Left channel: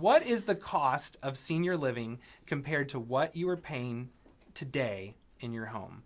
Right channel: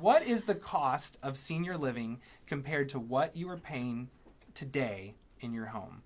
what is the cost of senior living compared to what you are paying today in your home?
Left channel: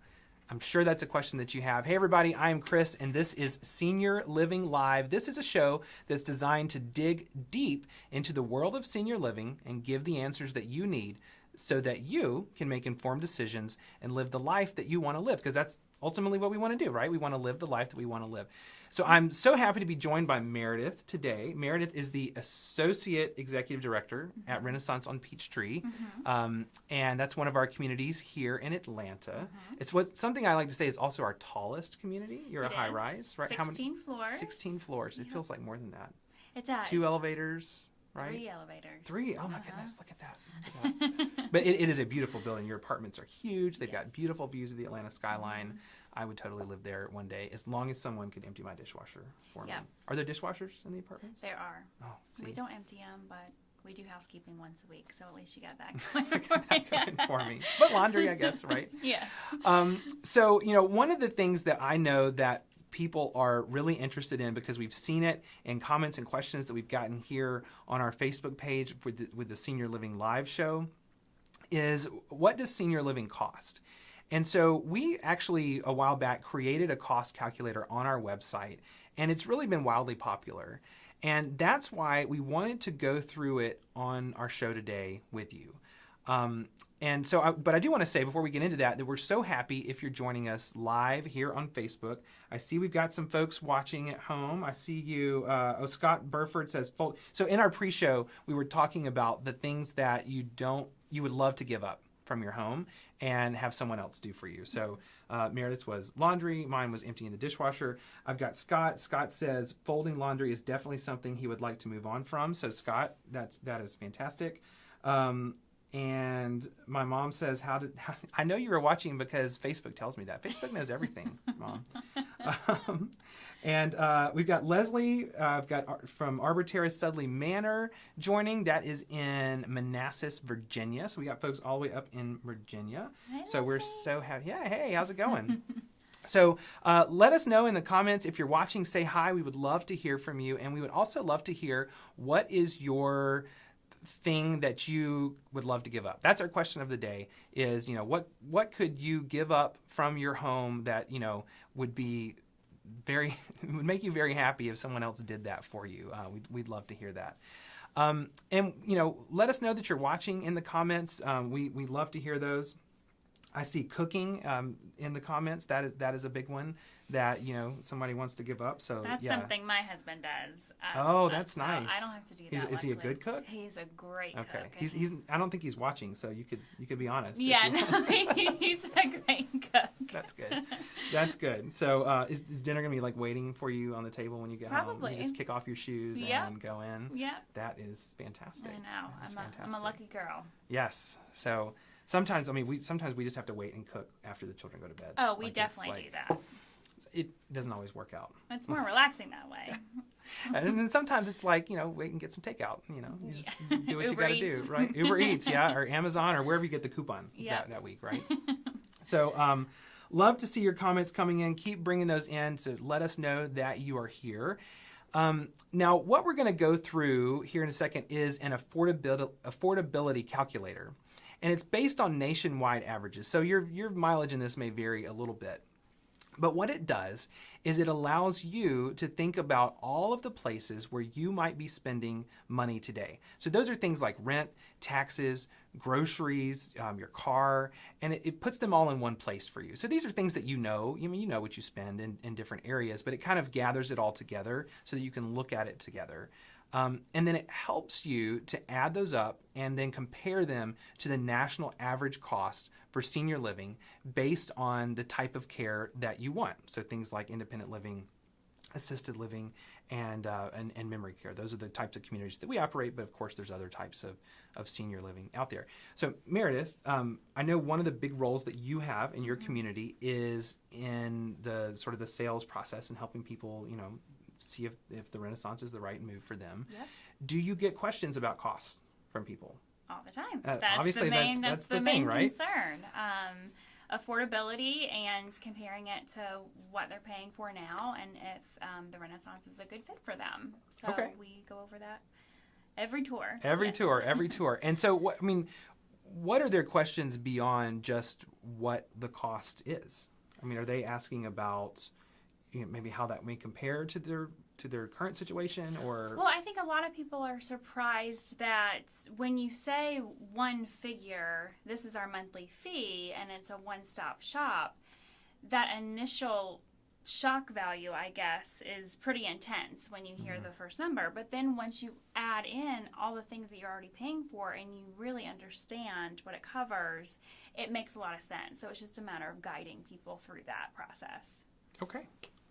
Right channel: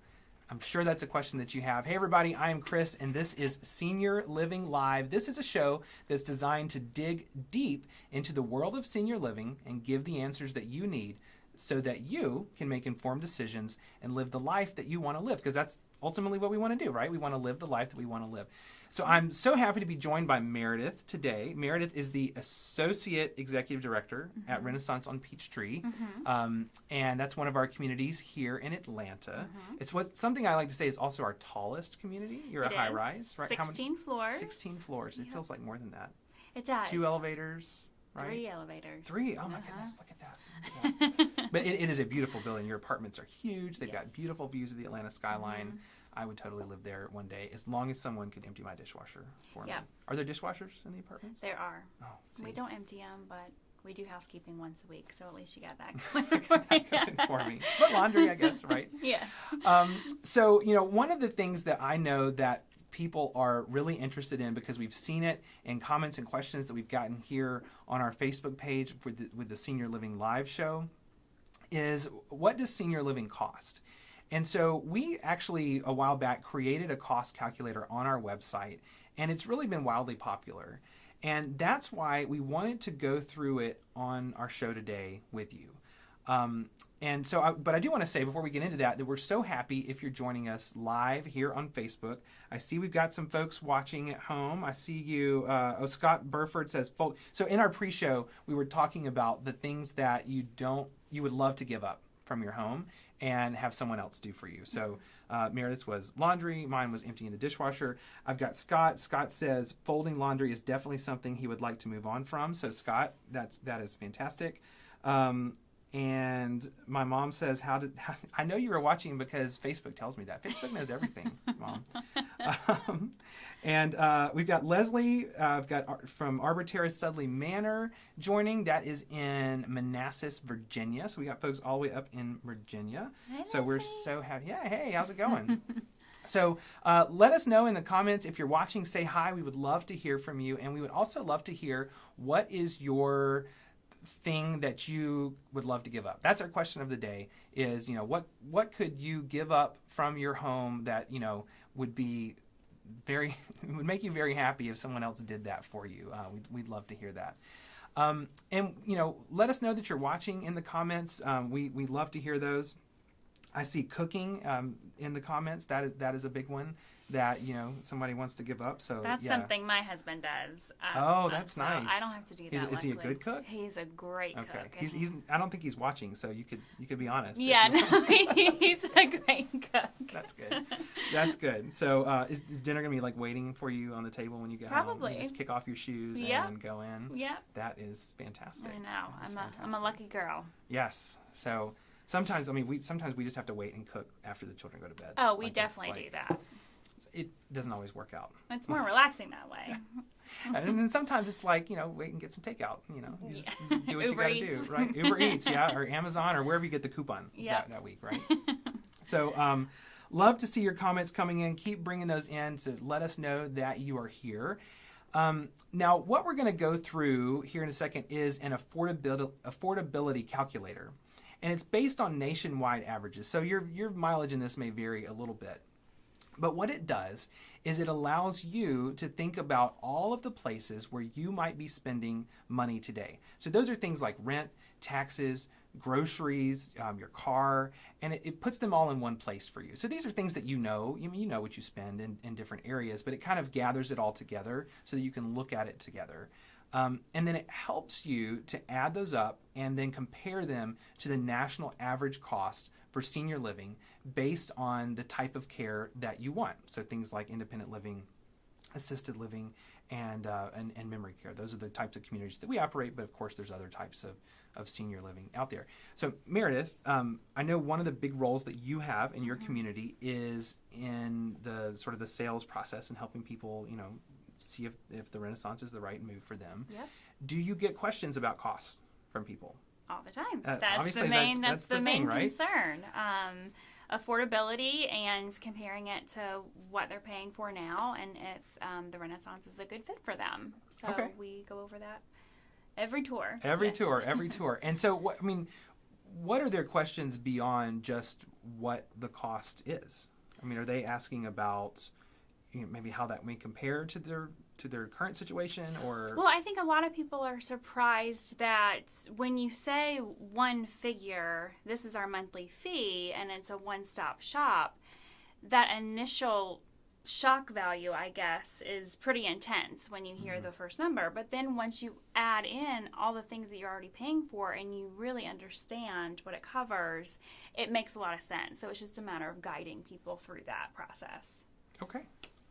I'm sure that's a question that you have. Hey, everybody, I am Chris, and this is Senior Living Live. This is a show that's designed to dig deep into the world of senior living and give the answers that you need so that you can make informed decisions and live the life that you want to live, because that's ultimately what we want to do, right? We want to live the life that we want to live. So I'm so happy to be joined by Meredith today. Meredith is the Associate Executive Director at Renaissance on Peachtree, and that's one of our communities here in Atlanta. It's something I like to say is also our tallest community. You're a high-rise, right? 16 floors. 16 floors. It feels like more than that. It does. 2 elevators, right? 3 elevators. 3? Oh, my goodness. Look at that. Yeah. But it is a beautiful building. Your apartments are huge. They've got beautiful views of the Atlanta skyline. I would totally live there one day, as long as someone could empty my dishwasher for me. Are there dishwashers in the apartments? There are. Oh, see. We don't empty them, but we do housekeeping once a week, so at least you got that going for me. But laundry, I guess, right? Yes. So, one of the things that I know that people are really interested in, because we've seen it in comments and questions that we've gotten here on our Facebook page with the Senior Living Live show, is what does senior living cost? And so we actually, a while back, created a cost calculator on our website, and it's really been wildly popular. And that's why we wanted to go through it on our show today with you. But I do want to say before we get into that we're so happy if you're joining us live here on Facebook. I see we've got some folks watching at home. I see you. Scott Burford says fold. So in our pre-show, we were talking about the things that you would love to give up from your home and have someone else do for you. So Meredith's was laundry. Mine was emptying the dishwasher. I've got Scott. Scott says folding laundry is definitely something he would like to move on from. So Scott, that is fantastic. And my mom says, I know you were watching because Facebook tells me that. Facebook knows everything, Mom. And we've got Leslie, from Arbor Terrace Sudley Manor joining. That is in Manassas, Virginia. So we got folks all the way up in Virginia. Hey, so we're so happy. Yeah, hey, how's it going? So let us know in the comments. If you're watching, say hi. We would love to hear from you. And we would also love to hear what is your thing that you would love to give up. That's our question of the day is, what could you give up from your home that, would be would make you very happy if someone else did that for you. We'd love to hear that. And let us know that you're watching in the comments. We love to hear those. I see cooking in the comments. That is a big one that somebody wants to give up. So that's something my husband does. That's nice. I don't have to do that. Is he a good cook? He's a great cook. Okay. He's. I don't think he's watching, so you could be honest. Yeah, no, he's a great cook. That's good. That's good. So is dinner gonna be like waiting for you on the table when you get home? Probably. You just kick off your shoes and go in. Yeah. That is fantastic. I know. I'm a lucky girl. Yes. So. Sometimes we just have to wait and cook after the children go to bed. Oh, we definitely do that. It doesn't always work out. It's more relaxing that way. And then sometimes it's like, wait and get some takeout. You just do what you got to do, right? Uber Eats, or Amazon, or wherever you get the coupon that week, right? So love to see your comments coming in. Keep bringing those in to let us know that you are here. Now, what we're going to go through here in a second is an affordability calculator. And it's based on nationwide averages. So your mileage in this may vary a little bit. But what it does is it allows you to think about all of the places where you might be spending money today. So those are things like rent, taxes, groceries, your car, and it puts them all in one place for you. So these are things that you know what you spend in different areas, but it kind of gathers it all together so that you can look at it together. And then it helps you to add those up and then compare them to the national average costs for senior living based on the type of care that you want. So things like independent living, assisted living, and memory care. Those are the types of communities that we operate, but of course there's other types of senior living out there. So Meredith, I know one of the big roles that you have in your community is in the sort of the sales process and helping people, see if the Renaissance is the right move for them. Yep. Do you get questions about costs from people? All the time. That's the main right? concern. Affordability and comparing it to what they're paying for now and if the Renaissance is a good fit for them. So we go over that Every tour. Every tour. And so, what are their questions beyond just what the cost is? I mean, are they asking about maybe how that may compare to their current situation, or? Well, I think a lot of people are surprised that when you say one figure, this is our monthly fee, and it's a one-stop shop, that initial shock value, I guess, is pretty intense when you hear the first number. But then once you add in all the things that you're already paying for and you really understand what it covers, it makes a lot of sense. So it's just a matter of guiding people through that process. Okay,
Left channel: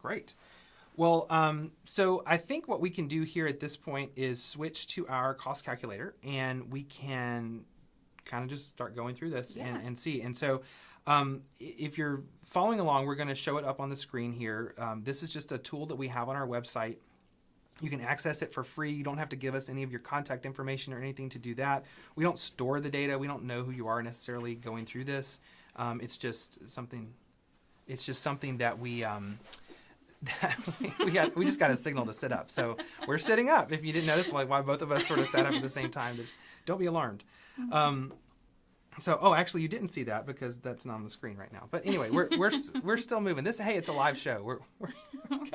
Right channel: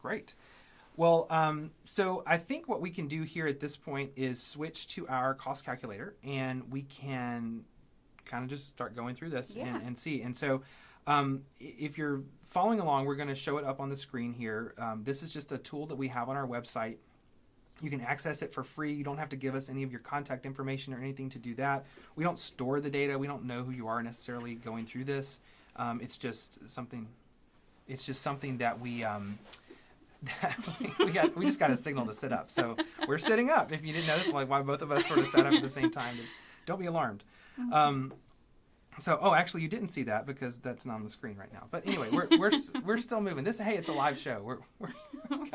great. Well, so I think what we can do here at this point is switch to our cost calculator, and we can kind of just start going through this and see. And so if you're following along, we're going to show it up on the screen here. This is just a tool that we have on our website. You can access it for free. You don't have to give us any of your contact information or anything to do that. We don't store the data. We don't know who you are necessarily going through this. It's just something that we we just got a signal to sit up. So we're sitting up. If you didn't notice, like why both of us sort of sat up at the same time, just don't be alarmed. Actually, you didn't see that because that's not on the screen right now. But anyway, we're still moving. It's a live show. We're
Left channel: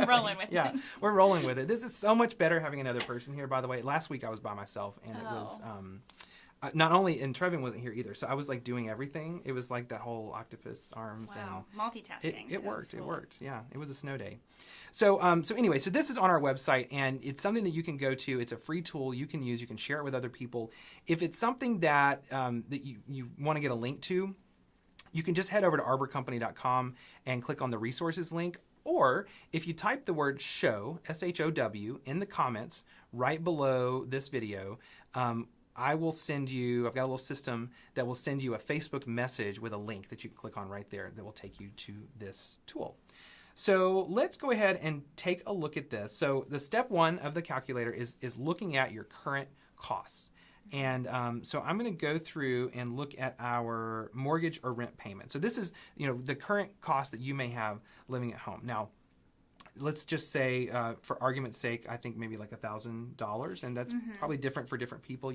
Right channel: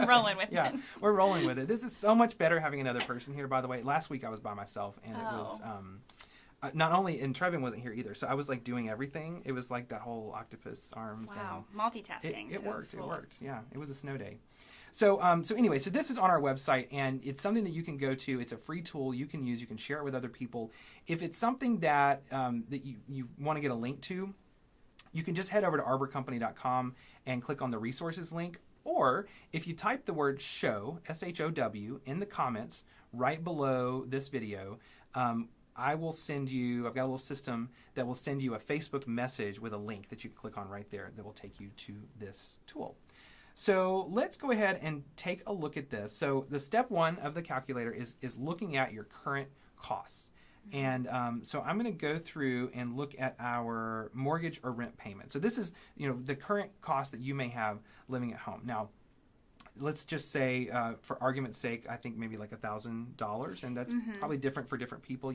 rolling with it. Yeah, we're rolling with it. This is so much better having another person here. By the way, last week I was by myself, and it was not only, and Trevin wasn't here either. So I was like doing everything. It was like that whole octopus arms. Wow, and multitasking. It worked. It worked. Yeah, it was a snow day. So anyway, so this is on our website, and it's something that you can go to. It's a free tool you can use. You can share it with other people. If it's something that that you want to get a link to, you can just head over to arborcompany.com and click on the resources link. Or if you type the word show, SHOW, in the comments right below this video, I've got a little system that will send you a Facebook message with a link that you can click on right there that will take you to this tool. So let's go ahead and take a look at this. So the step one of the calculator is looking at your current costs. And so I'm going to go through and look at our mortgage or rent payment. So this is, the current cost that you may have living at home. Now, let's just say, for argument's sake, I think maybe like $1,000, and that's probably different for different people.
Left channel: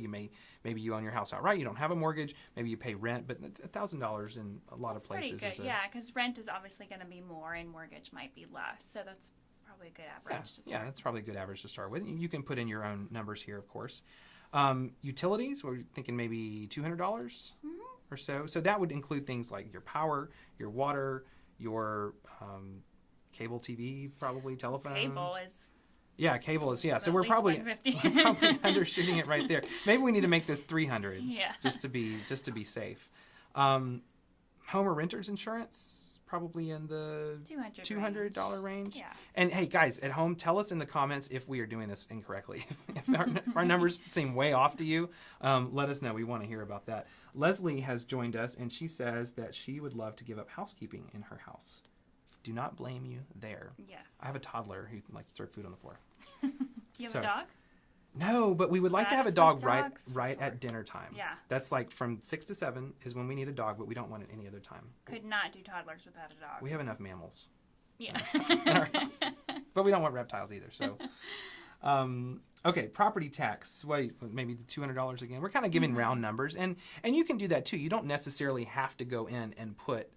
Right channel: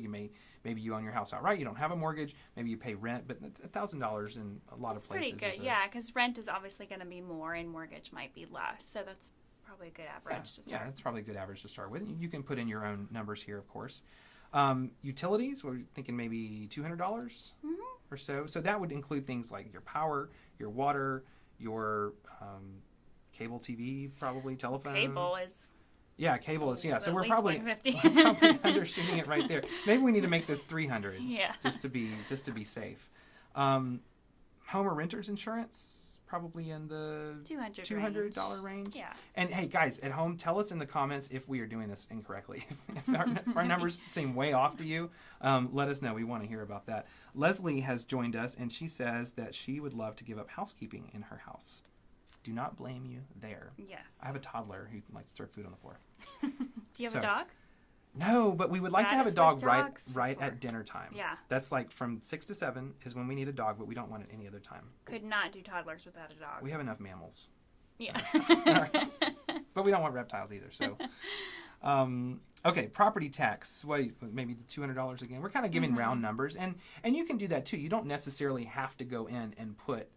Maybe you own your house outright, you don't have a mortgage, maybe you pay rent, but $1,000 in a lot of places. Pretty good, because rent is obviously going to be more, and mortgage might be less. So that's probably a good average to start. Yeah, that's probably a good average to start with. You can put in your own numbers here, of course. Utilities, we're thinking maybe $200 or so. So that would include things like your power, your water, your cable TV, probably telephone. Cable is. Yeah, cable is. Yeah, so we're probably undershooting it right there. Maybe we need to make this 300. Yeah. Just to be safe. Home or renter's insurance, probably in the $200 range. Yeah. And hey, guys at home, tell us in the comments if we are doing this incorrectly. If our numbers seem way off to you, let us know. We want to hear about that. Leslie has joined us, and she says that she would love to give up housekeeping in her house. Do not blame you there. Yes. I have a toddler who likes to throw food on the floor. Do you have a dog? No, but we would like to have a dog right at dinner time. Yeah. That's like from 6 to 7 is when we need a dog, but we don't want it any other time. Could not do toddlers without a dog. We have enough mammals. Yeah. But we don't want reptiles either. So, okay, property tax. Maybe the $200 again. We're kind of giving round numbers, and you can do that too. You don't necessarily have to go in and put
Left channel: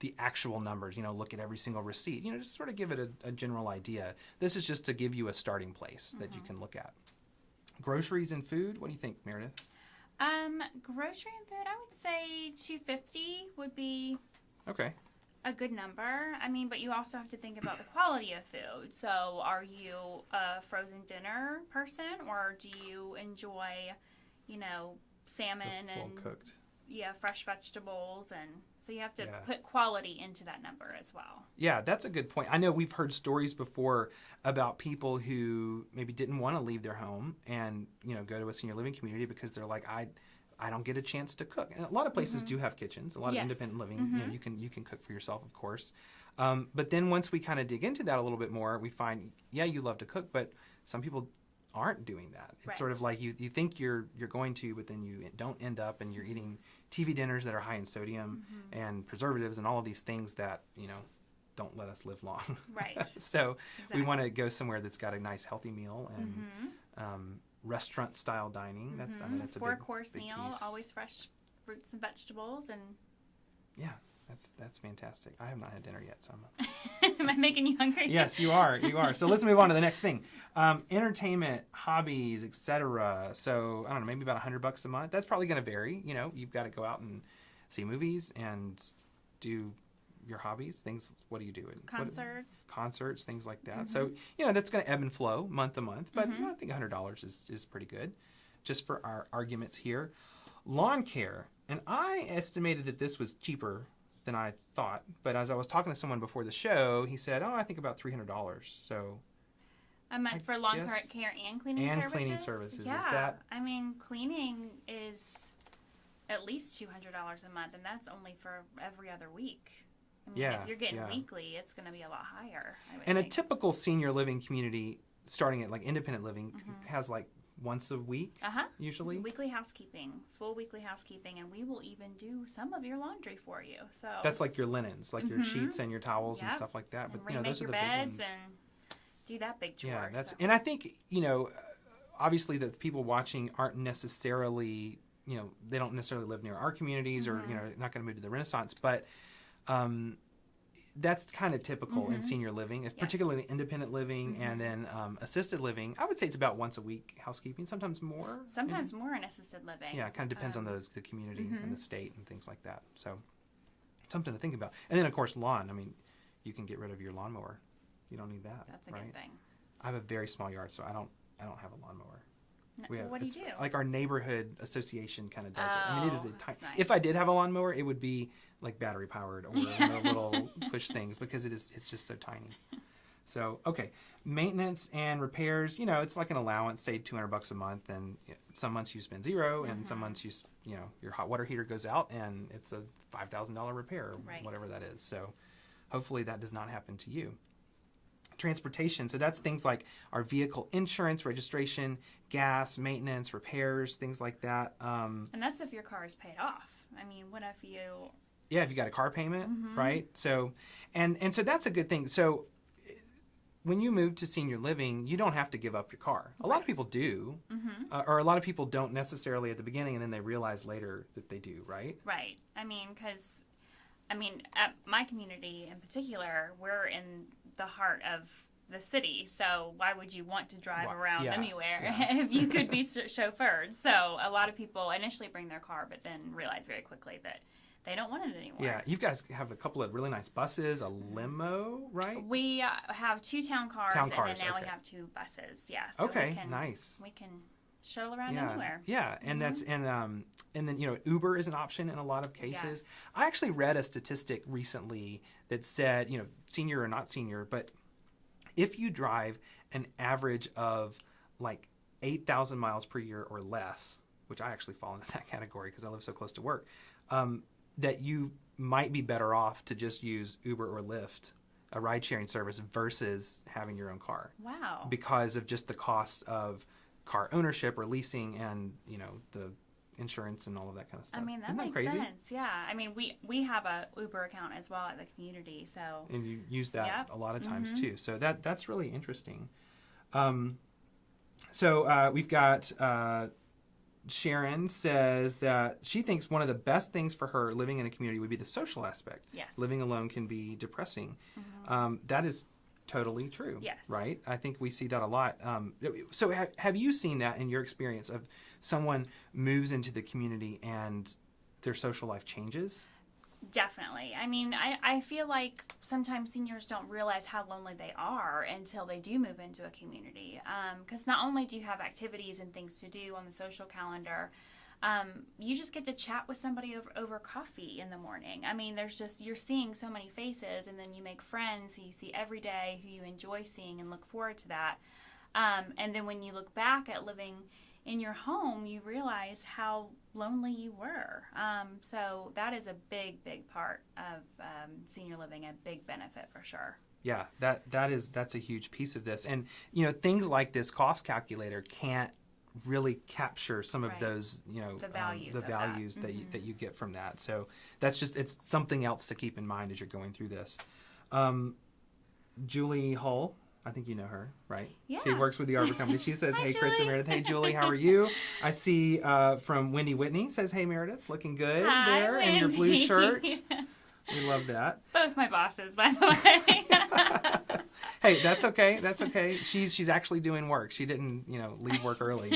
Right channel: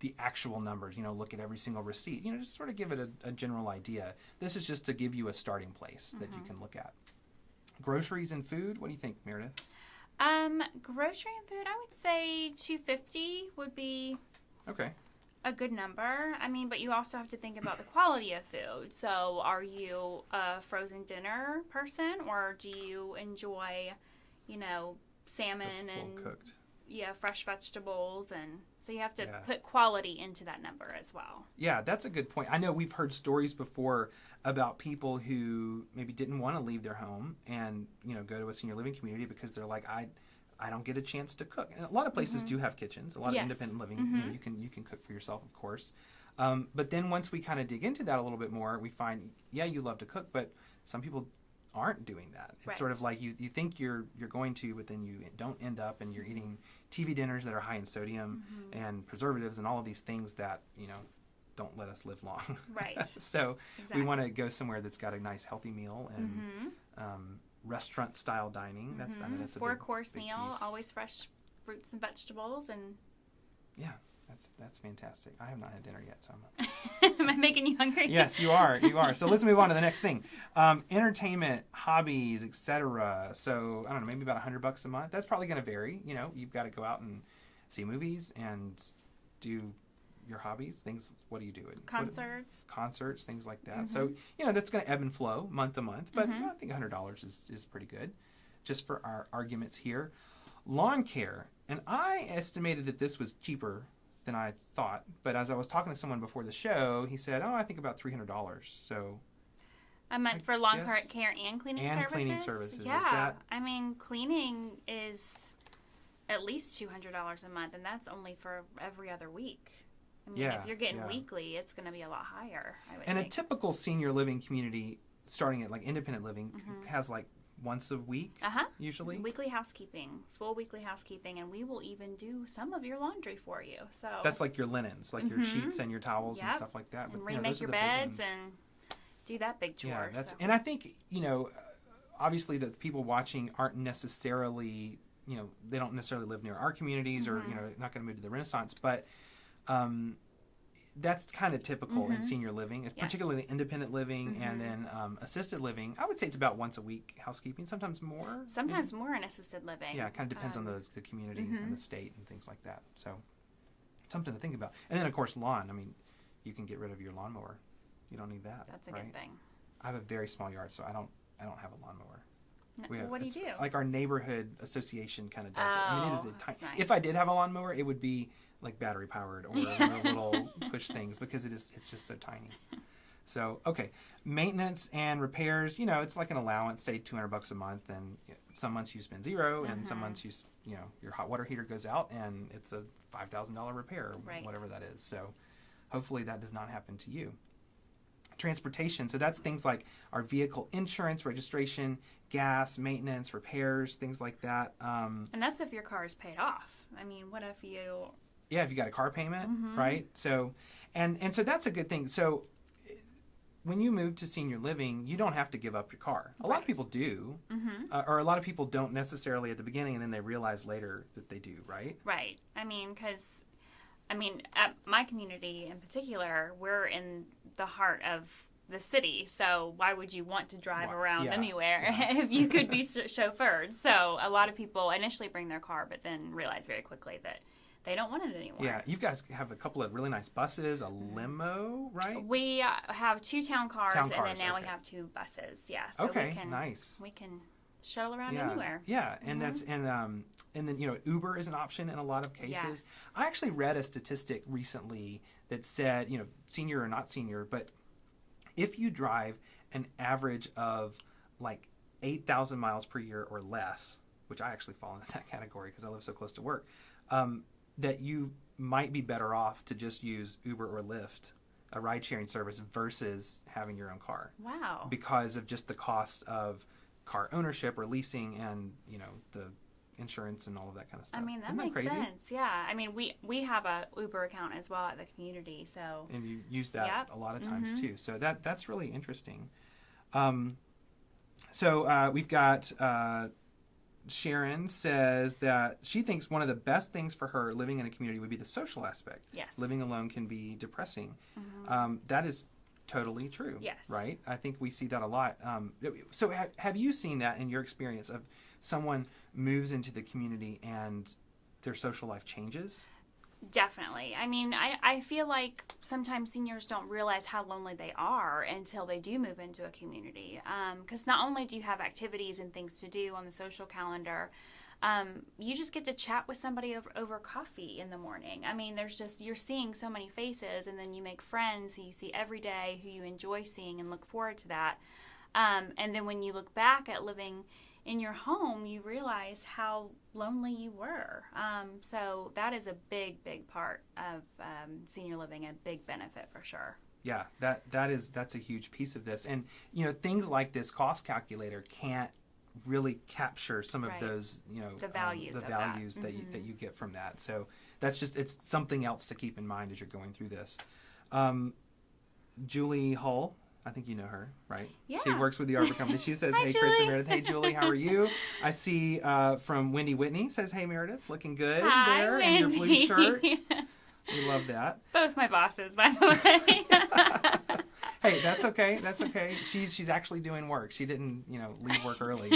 the actual numbers, look at every single receipt, just sort of give it a general idea. This is just to give you a starting place that you can look at. Groceries and food, what do you think, Meredith? Grocery and food, I would say $250 would be okay. A good number. I mean, but you also have to think about the quality of food. So are you a frozen dinner person, or do you enjoy, salmon and cooked? Yeah, fresh vegetables, and so you have to put quality into that number as well. Yeah, that's a good point. I know we've heard stories before about people who maybe didn't want to leave their home and, go to a senior living community because they're like, I don't get a chance to cook. And a lot of places do have kitchens. A lot of independent living, you can cook for yourself, of course. But then once we kind of dig into that a little bit more, we find, you love to cook, but some people aren't doing that. It's sort of like you think you're going to, but then you don't end up, and you're eating TV dinners that are high in sodium and preservatives and all of these things that, don't let us live long. Right. So we want to go somewhere that's got a nice healthy meal and restaurant style dining. That's I mean that's a 4-course big meal, piece. always fresh fruits and vegetables, and yeah, that's fantastic. I have not had dinner yet, so I'm am I making you hungry? Yes, you are. You are. So let's move on to the next thing. Entertainment, hobbies, etc. So I don't know, maybe about $100 a month. That's probably going to vary. You know, you've got to go out and see movies and do your hobbies. Things. What do you do? Concerts, things like that. So you know, that's going to ebb and flow month to month. But I think $100 is pretty good, just for our arguments here. Lawn care, and I estimated that this was cheaper than I thought, but as I was talking to someone before the show, he said, "Oh, I think about $300." So a month for lawn care and cleaning services. And cleaning services. Yeah, is that? I mean, cleaning is at least $200 a month, and that's only for every other week. I mean, if you're getting weekly, it's going to be a lot higher. And a typical senior living community, starting at like independent living, has like once a week, usually. Weekly housekeeping, full weekly housekeeping, and we will even do some of your laundry for you. So that's like your linens, like your sheets and your towels and stuff like that. And remake your beds and do that big chore. Yeah, and I think, you know, obviously the people watching aren't necessarily, you know, they don't necessarily live near our communities or, you know, not going to move to the Renaissance, but that's kind of typical in senior living, particularly independent living and then assisted living. I would say it's about once a week housekeeping, sometimes more. Sometimes more in assisted living. Yeah, it kind of depends on the community and the state and things like that. So something to think about. And then, of course, lawn. I mean, you can get rid of your lawnmower. You don't need that. That's a good thing. I have a very small yard, so I don't have a lawnmower. What do you do? Like our neighborhood association kind of does it. I mean, it is nice. If I did have a lawnmower, it would be like battery powered or little push things because it's just so tiny. So okay, maintenance and repairs. You know, it's like an allowance, say $200 a month, and some months you spend zero, and some months you know your hot water heater goes out and it's a $5,000 repair, or whatever that is. So hopefully that does not happen to you. Transportation, so that's things like our vehicle insurance, registration, gas, maintenance, repairs, things like that. And that's if your car is paid off. I mean, what if you... Yeah, if you got a car payment, right? So, and so that's a good thing. So when you move to senior living, you don't have to give up your car. A lot of people do, or a lot of people don't necessarily at the beginning, and then they realize later that they do, right? Right. I mean, because, at my community in particular, we're in the heart of the city, so why would you want to drive around anywhere if you could be chauffeured? So a lot of people initially bring their car, but then realize very quickly that they don't want it anymore. Yeah, you guys have a couple of really nice buses, a limo, right? We have 2 town cars, and then now we have 2 buses. Yeah. So nice. We can shuttle around anywhere. Yeah, and that's and then you know Uber is an option in a lot of cases. Yes. I actually read a statistic recently that said, you know, senior or not senior, but if you drive an average of like 8,000 miles per year or less, which I actually fall into that category because I live so close to work, that you might be better off to just use Uber or Lyft, a ride-sharing service, versus having your own car. Wow. Because of just the cost of car ownership or leasing and, you know, the insurance and all of that kind of stuff. I mean, that makes sense. Yeah. I mean, we have a Uber account as well at the community, so. And you use that a lot of times too. So that's really interesting. So we've got Sharon says that she thinks one of the best things for her living in a community would be the social aspect. Yes. Living alone can be depressing. That is totally true. Yes. Right? I think we see that a lot. So have you seen that in your experience of someone moves into the community and their social life changes? Definitely. I mean, I feel like sometimes seniors don't realize how lonely they are until they do move into a community. Because not only do you have activities and things to do on the social calendar, you just get to chat with somebody over coffee in the morning. I mean, you're seeing so many faces, and then you make friends who you see every day, who you enjoy seeing and look forward to that. And then when you look back at living in your home, you realize how lonely you were. So that is a big, big part of senior living, a big benefit for sure. Yeah, that's a huge piece of this. And, you know, things like this cost calculator can't really capture some of those, you know, the values that you get from that. So that's it's something else to keep in mind as you're going through this. Julie Hull I think you know her, right? Yeah. She works with the Arbor Company. She says, Hi, hey, Chris and Julie. Meredith. Hey, Julie, how are you? I see from Wendy Whitney says, hey, Meredith, looking good Hi, there in your blue Wendy. shirt. We love that. Both my bosses, by the way. Hey, that's okay. That's okay. She's actually doing work. She didn't, leave work early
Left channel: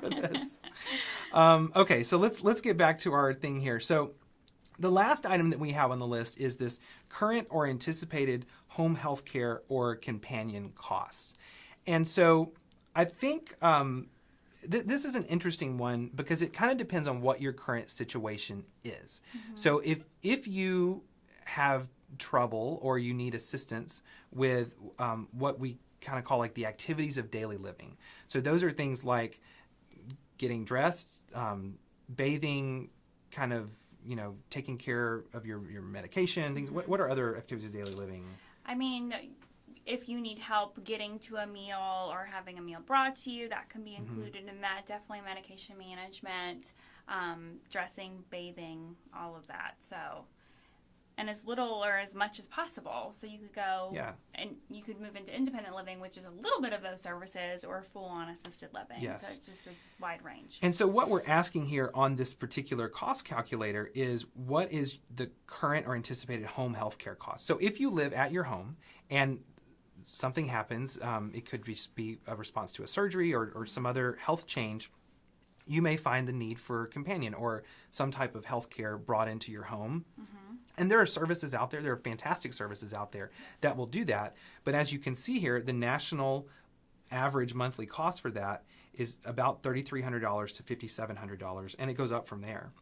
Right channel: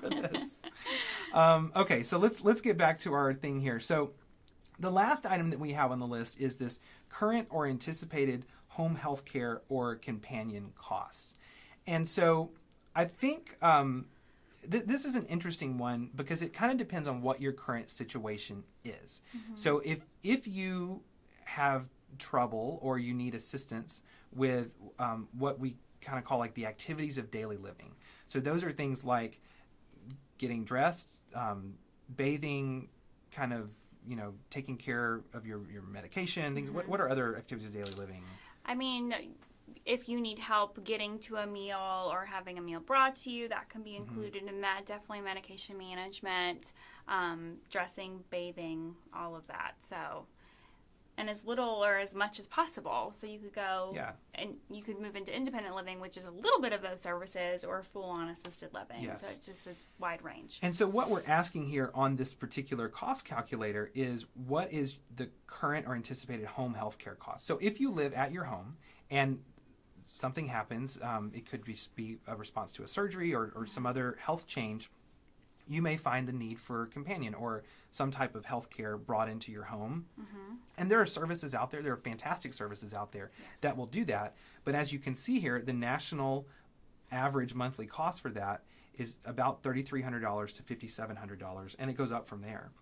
for this. Okay, so let's get back to our thing here. So the last item that we have on the list is this current or anticipated home health care or companion costs. And so I think this is an interesting one because it kind of depends on what your current situation is. Mm-hmm. So if you have trouble or you need assistance with what we kind of call like the activities of daily living. So those are things like getting dressed, bathing, kind of, taking care of your medication, things. Mm-hmm. What are other activities of daily living? I mean, if you need help getting to a meal or having a meal brought to you, that can be included in that. Definitely medication management, dressing, bathing, all of that. So, and as little or as much as possible. So you could go and you could move into independent living, which is a little bit of those services, or full-on assisted living. Yes. So it's just this wide range. And so what we're asking here on this particular cost calculator is what is the current or anticipated home health care cost? So if you live at your home and something happens, it could be a response to a surgery or some other health change, you may find the need for a companion or some type of health care brought into your home. Mm-hmm. And there are services out there, there are fantastic services out there that will do that. But as you can see here, the national average monthly cost for that is about $3,300 to $5,700, and it goes up from there.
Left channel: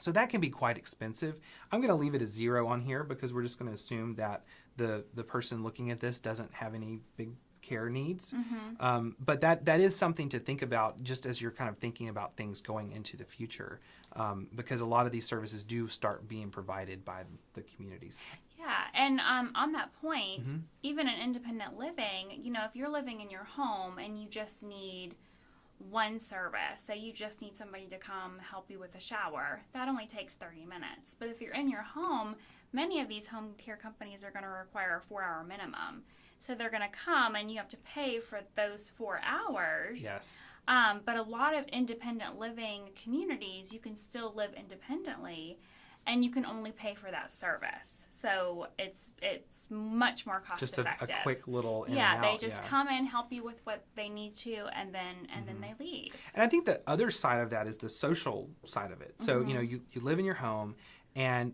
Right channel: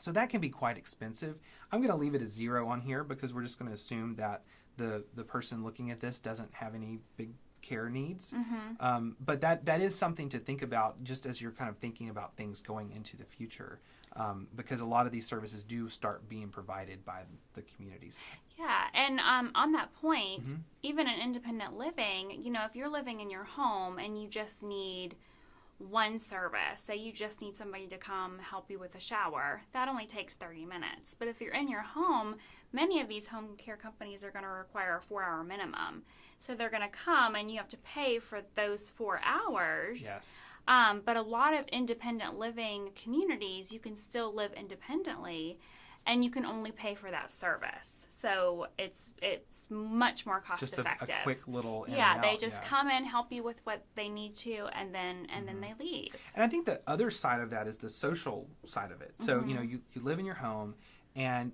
So that can be quite expensive. I'm going to leave it as 0 on here because we're just going to assume that the person looking at this doesn't have any big care needs. Mm-hmm. But that is something to think about just as you're kind of thinking about things going into the future, because a lot of these services do start being provided by the communities. Yeah, and on that point, Mm-hmm. even in independent living, if you're living in your home and you just need one service, say you just need somebody to come help you with a shower, that only takes 30 minutes. But if you're in your home, many of these home care companies are going to require a 4-hour minimum. So they're going to come and you have to pay for those 4 hours. Yes. But a lot of independent living communities, you can still live independently and you can only pay for that service. So it's much more cost effective. Just a quick little in yeah, and they out, just come in, help you with what they need to, and then they leave. And I think the other side of that is the social side of it. So, you live in your home and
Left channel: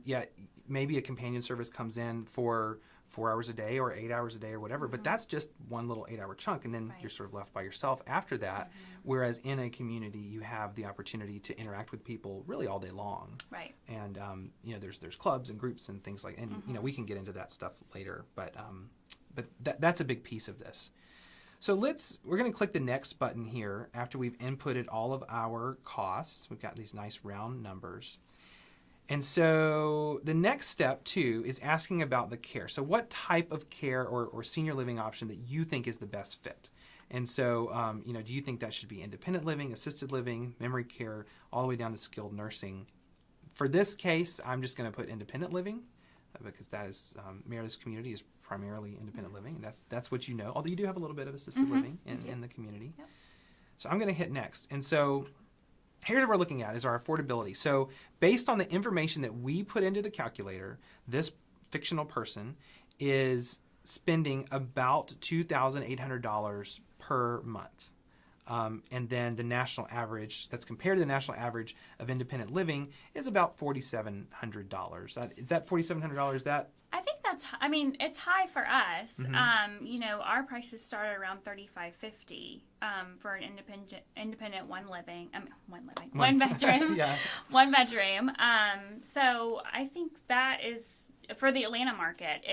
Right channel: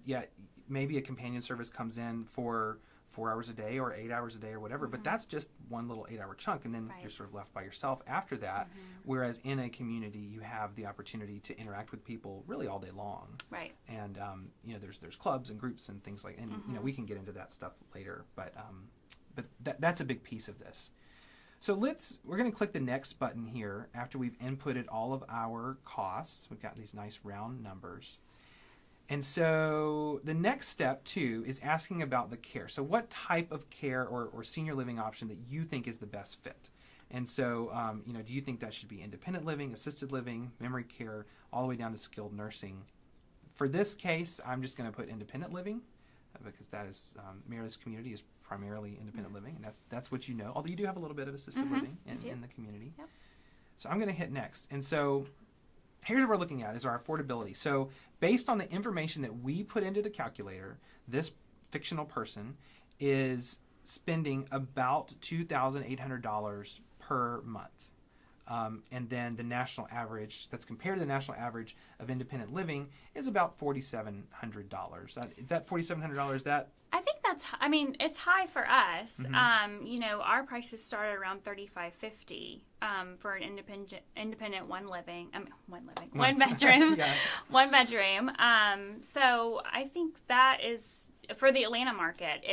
maybe a companion service comes in for 4 hours a day or 8 hours a day or whatever, but that's just one little 8-hour chunk, and then you're sort of left by yourself after that. Whereas in a community, you have the opportunity to interact with people really all day long. Right. And there's clubs and groups and things like, and we can get into that stuff later, but that's a big piece of this. So we're going to click the next button here after we've inputted all of our costs. We've got these nice round numbers. And so the next step, too, is asking about the care. So what type of care or senior living option that you think is the best fit? And so, do you think that should be independent living, assisted living, memory care, all the way down to skilled nursing? For this case, I'm just going to put independent living because that is, Meredith's community is primarily independent living, and that's what you know. Although you do have a little bit of assisted living in the community. Yep. So I'm going to hit next. And so here's what we're looking at is our affordability. So based on the information that we put into the calculator, this fictional person is spending about $2,800 per month. And then the national average, that's compared to the national average of independent living, is about $4,700. Is that $4,700? I think it's high for us. Mm-hmm. Our prices start around $3,550 for an independent one bedroom. Yeah. One bedroom. So I think that is, for the Atlanta market,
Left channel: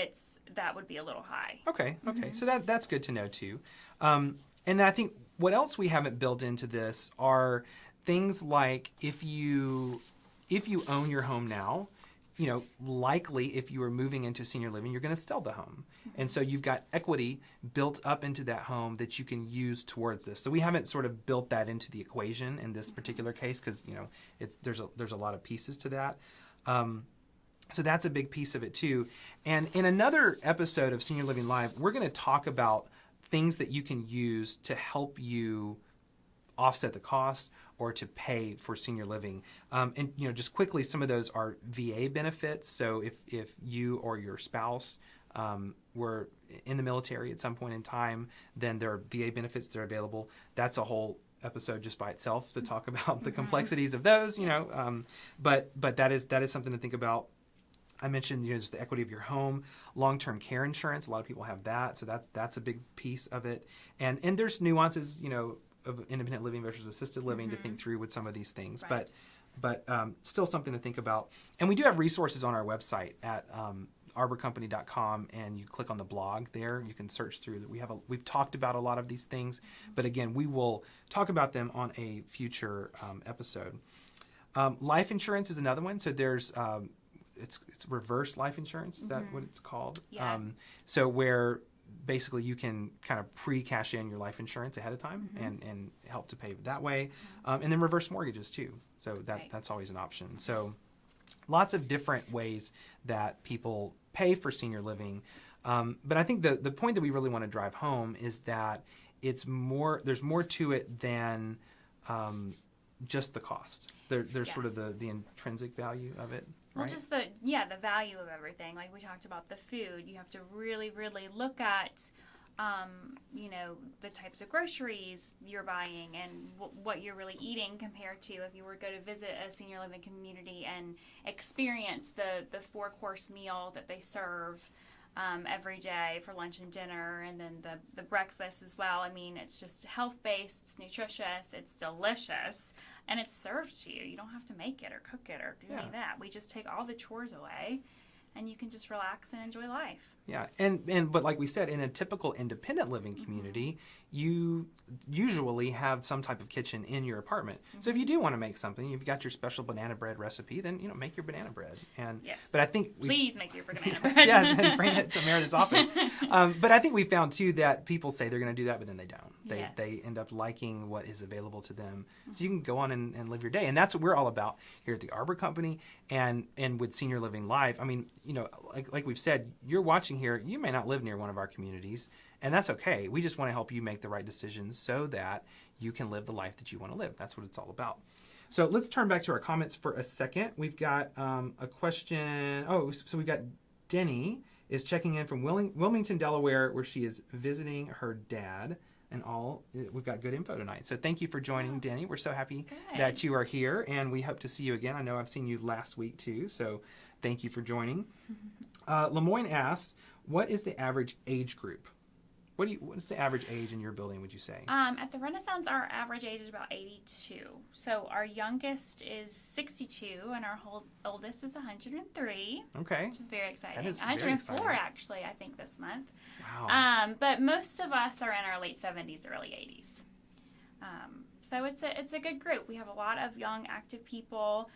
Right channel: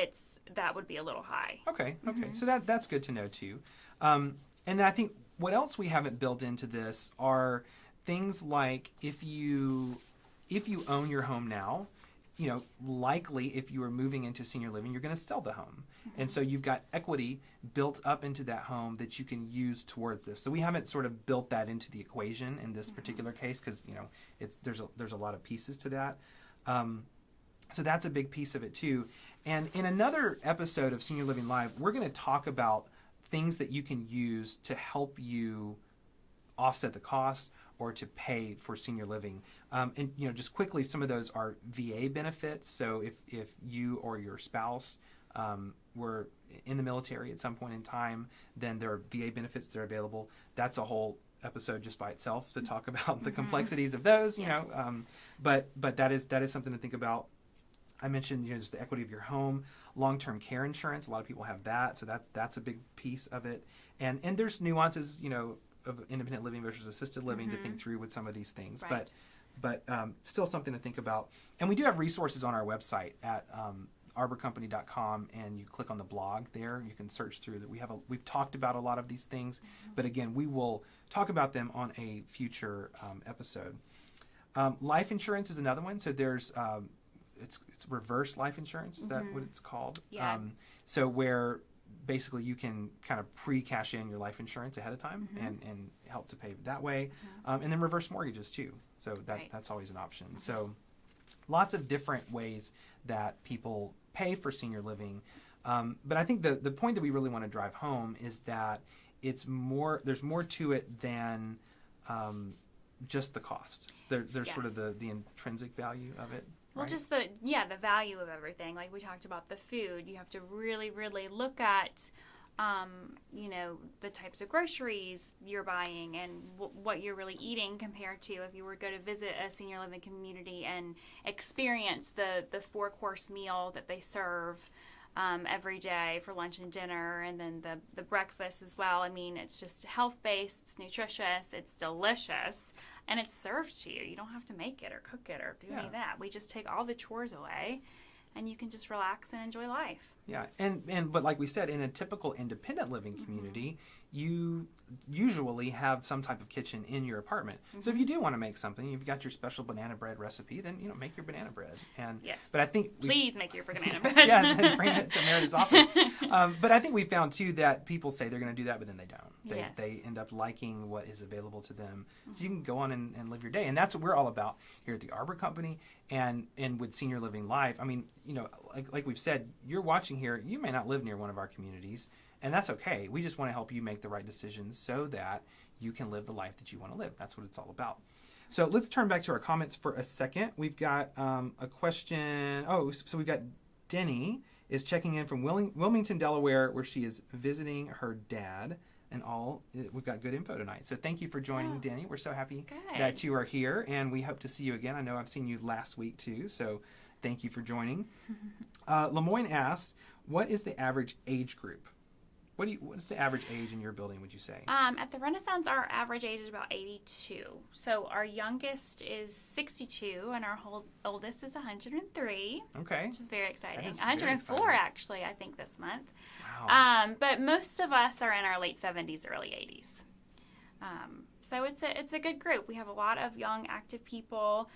that would be a little high. Okay. Mm-hmm. So that's good to know too. And then I think what else we haven't built into this are things like if you own your home now, likely if you are moving into senior living, you're going to sell the home. Mm-hmm. And so you've got equity built up into that home that you can use towards this. So we haven't sort of built that into the equation in this particular case because, there's a lot of pieces to that. So that's a big piece of it too. And in another episode of Senior Living Live, we're going to talk about things that you can use to help you offset the costs or to pay for senior living. And just quickly, some of those are VA benefits. So if you or your spouse were in the military at some point in time, then there are VA benefits that are available. That's a whole episode just by itself to talk about the complexities of those. But that is something to think about. I mentioned just the equity of your home, long-term care insurance. A lot of people have that, so that's a big piece of it. And there's nuances, of independent living versus assisted living to think through with some of these things. Right. But still something to think about. And we do have resources on our website at arborcompany.com, and you click on the blog there. You can search through that. We've talked about a lot of these things, but again, we will talk about them on a future episode. Life insurance is another one. So there's it's reverse life insurance. Is that what it's called? Yeah. So where basically you can kind of pre-cash in your life insurance ahead of time and help to pay that way. And then reverse mortgages too. So that's always an option. So lots of different ways that people pay for senior living. But I think the point that we really want to drive home is that there's more to it than just the cost. There's sort of the intrinsic value of it. Well, right? just the value of everything. Like we talked about the food, you have to really, really look at, the types of groceries you're buying and what you're really eating compared to if you were to go to visit a senior living community and experience the 4-course meal that they serve every day for lunch and dinner, and then the breakfast as well. I mean, it's just health-based, it's nutritious, it's delicious, and it's served to you. You don't have to make it or cook it or do any of that. We just take all the chores away, and you can just relax and enjoy life. Yeah, but like we said, in a typical independent living community, you usually have some type of kitchen in your apartment. So if you do want to make something, you've got your special banana bread recipe, then make your banana bread. And yes, but I think please make your banana bread. Yes, and bring it to Meredith's office. But I think we found too that people say they're going to do that, but then they don't. They end up liking what is available to them. So you can go on and live your day, and that's what we're all about here at the Arbor Company and with Senior Living Live. I mean, like we've said, you're watching here. You may not live near one of our communities. And that's okay. We just want to help you make the right decisions so that you can live the life that you want to live. That's what it's all about. So let's turn back to our comments for a second. We've got a question. So we've got Denny is checking in from Wilmington, Delaware, where she is visiting her dad. And we've got good info tonight. So thank you for joining, Denny. We're so happy that you are here, and we hope to see you again. I know I've seen you last week too, so thank you for joining. Lemoyne asks, what is the average age group? What is the average age in your building, would you say? At the Renaissance, our average age is about 82. So our youngest is 62, and our oldest is 103. Okay. Which is very exciting. That is 104, very exciting. Actually, I think, this month. Wow. But most of us are in our late 70s, early 80s. So it's a good group. We have a lot of young, active people.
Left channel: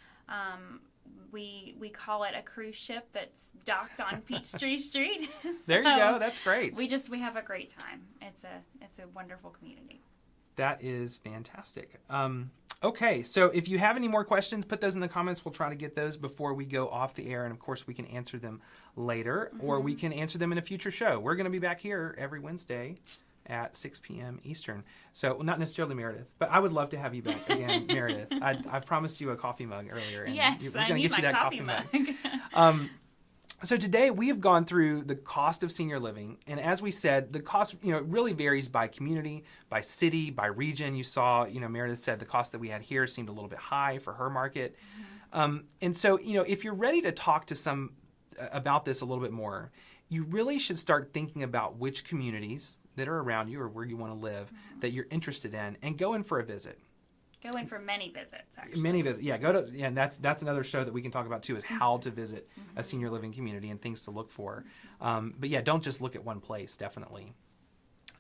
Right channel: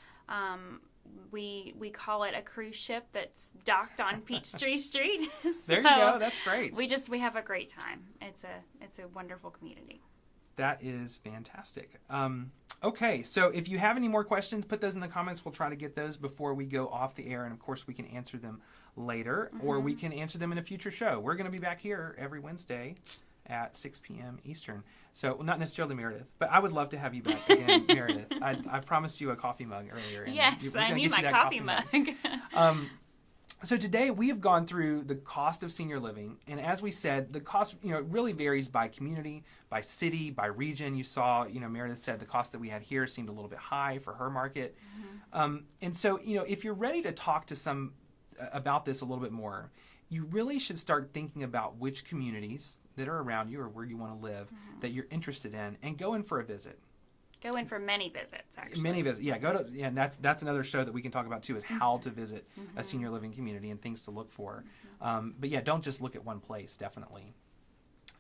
We call it a cruise ship that's docked on Peachtree Street. There you go. That's great. We have a great time. It's a wonderful community. That is fantastic. Okay, so if you have any more questions, put those in the comments. We'll try to get those before we go off the air, and of course we can answer them later, or we can answer them in a future show. We're going to be back here every Wednesday at 6 p.m. Eastern. So not necessarily Meredith, but I would love to have you back again, Meredith. I promised you a coffee mug earlier. And yes, I need my coffee mug. So today we have gone through the cost of senior living, and as we said, the cost really varies by community, by city, by region. You saw, Meredith said the cost that we had here seemed a little bit high for her market, and so if you're ready to talk to about this a little bit more, you really should start thinking about which communities that are around you or where you want to live that you're interested in, and go in for a visit. Go in for many visits, actually. Many visits, yeah. And that's another show that we can talk about too, is how to visit a senior living community and things to look for. But yeah, don't just look at one place, definitely.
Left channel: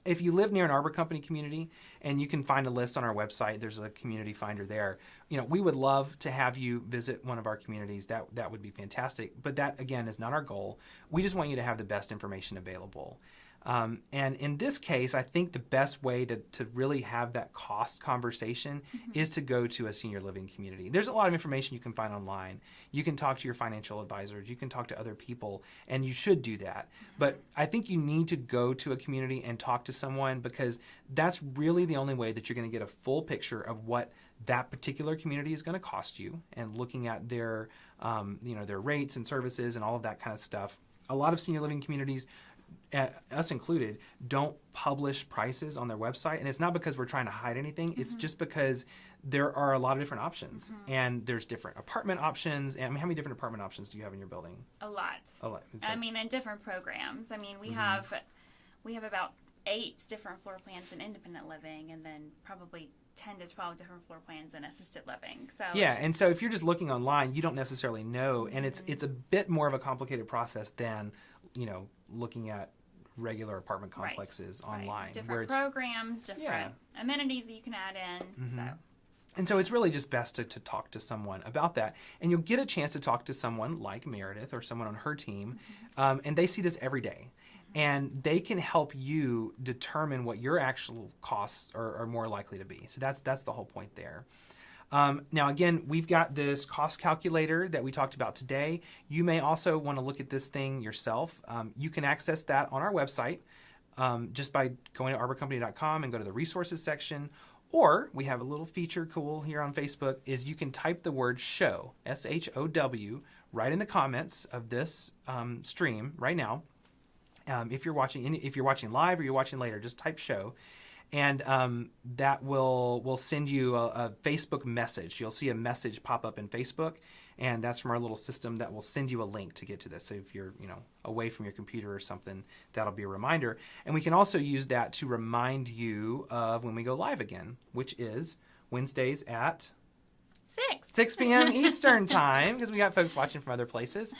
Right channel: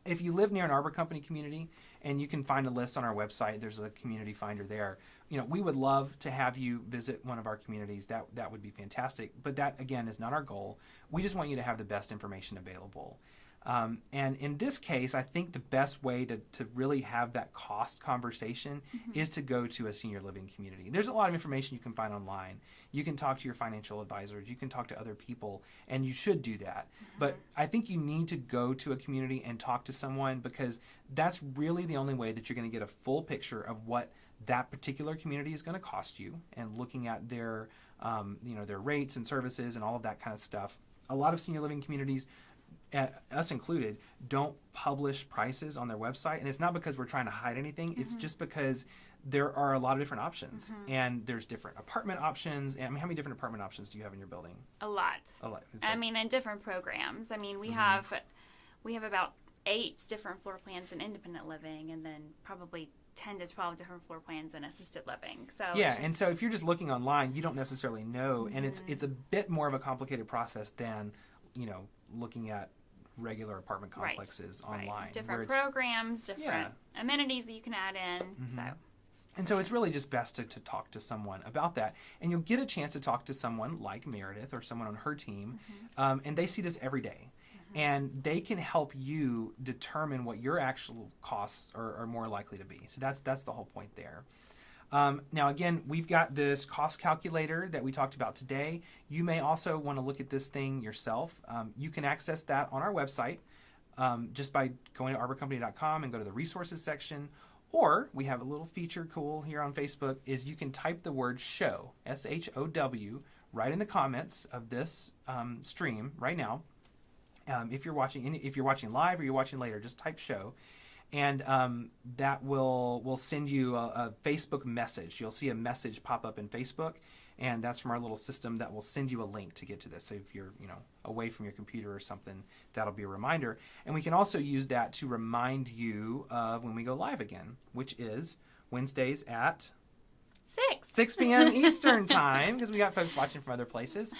If you live near an Arbor Company community, and you can find a list on our website, there's a community finder there. We would love to have you visit one of our communities. That would be fantastic. But that, again, is not our goal. We just want you to have the best information available. And in this case, I think the best way to really have that cost conversation is to go to a senior living community. There's a lot of information you can find online. You can talk to your financial advisors. You can talk to other people, and you should do that. But I think you need to go to a community and talk to someone, because that's really the only way that you're going to get a full picture of what that particular community is going to cost you, and looking at their, their rates and services and all of that kind of stuff. A lot of senior living communities, us included, don't publish prices on their website, and it's not because we're trying to hide anything. It's just because there are a lot of different options, and there's different apartment options. And I mean, how many different apartment options do you have in your building? A lot. I mean, and different programs. I mean, we have about 8 different floor plans in independent living, and then probably 10 to 12 different floor plans in assisted living. So and so if you're just looking online, you don't necessarily know, and it's a bit more of a complicated process than looking at regular apartment complexes online. Different programs, different amenities that you can add in. And so it's really just best to talk to someone about that. And you'll get a chance to talk to someone like Meredith or someone on her team, and they see this every day. And they can help you determine what your actual costs are more likely to be. So that's the whole point there. Now, again, we've got this cost calculator that we talked about today. You may also want to look at this thing yourself. You can access that on our website just by going to arborcompany.com and go to the resources section. Or we have a little feature cool here on Facebook, is you can type the word SHOW, SHOW, right in the comments of this stream right now. If you're watching live or you're watching later, just type SHOW. And that will send you a Facebook message. You'll see a message pop up in Facebook, and that's from our little system that will send you a link to get to this. So if you're away from your computer or something, that'll be a reminder. And we can also use that to remind you of when we go live again, which is Wednesdays at 6 p.m. Eastern time, because we got folks watching from other places.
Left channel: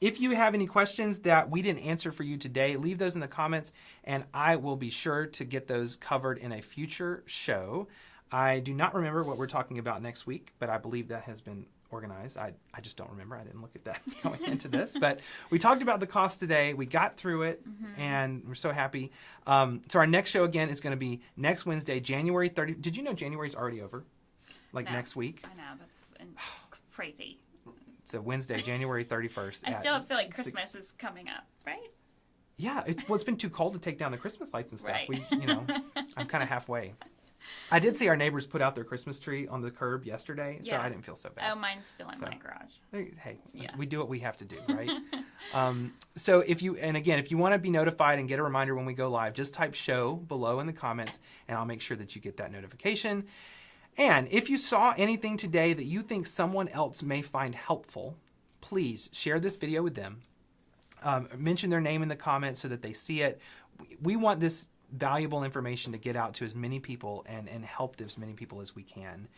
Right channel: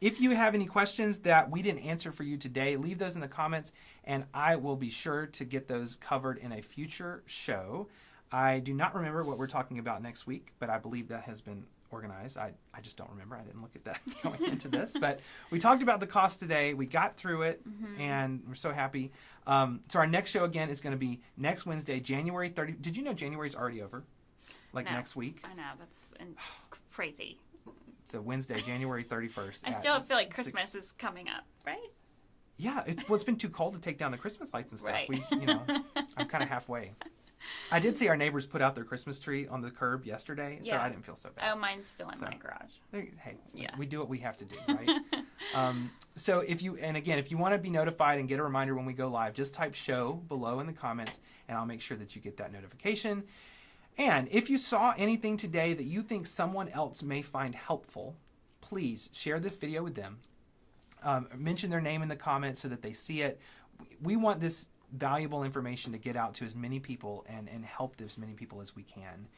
If you have any questions that we didn't answer for you today, leave those in the comments, and I will be sure to get those covered in a future show. I do not remember what we're talking about next week, but I believe that has been organized. I just don't remember. I didn't look at that going into this. But we talked about the cost today. We got through it, and we're so happy. So our next show, again, is going to be next Wednesday, January 30th. Did you know January's already over? Next week? I know, that's crazy. It's a Wednesday, January 31st. I still feel like Christmas is coming up, right? Yeah, it's been too cold to take down the Christmas lights and stuff. Right. I'm kind of halfway. I did see our neighbors put out their Christmas tree on the curb yesterday, so I didn't feel so bad. Oh, mine's still in my garage. Hey, we do what we have to do, right? So if you want to be notified and get a reminder when we go live, just type SHOW below in the comments, and I'll make sure that you get that notification. And if you saw anything today that you think someone else may find helpful, please share this video with them. Mention their name in the comments so that they see it. We want this valuable information to get out to as many people and help as many people as we can.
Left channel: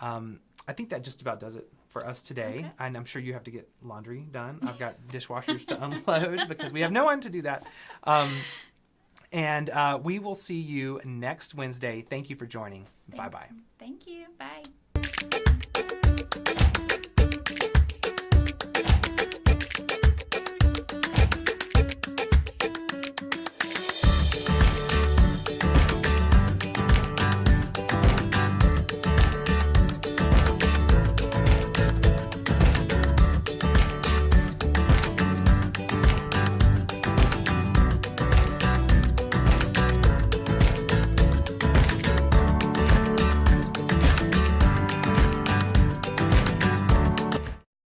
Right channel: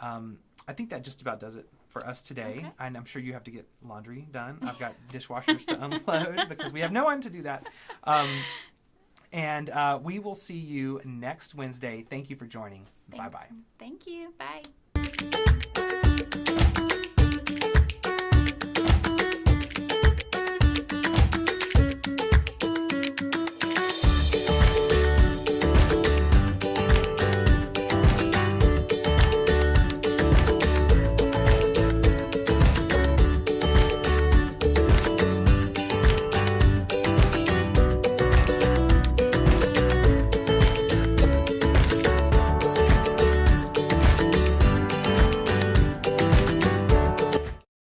I think that just about does it for us today. Okay. And I'm sure you have to get laundry done. I've got dishwashers to unload because we have no one to do that. And we will see you next Wednesday. Thank you for joining. Bye-bye. Thank you. Bye.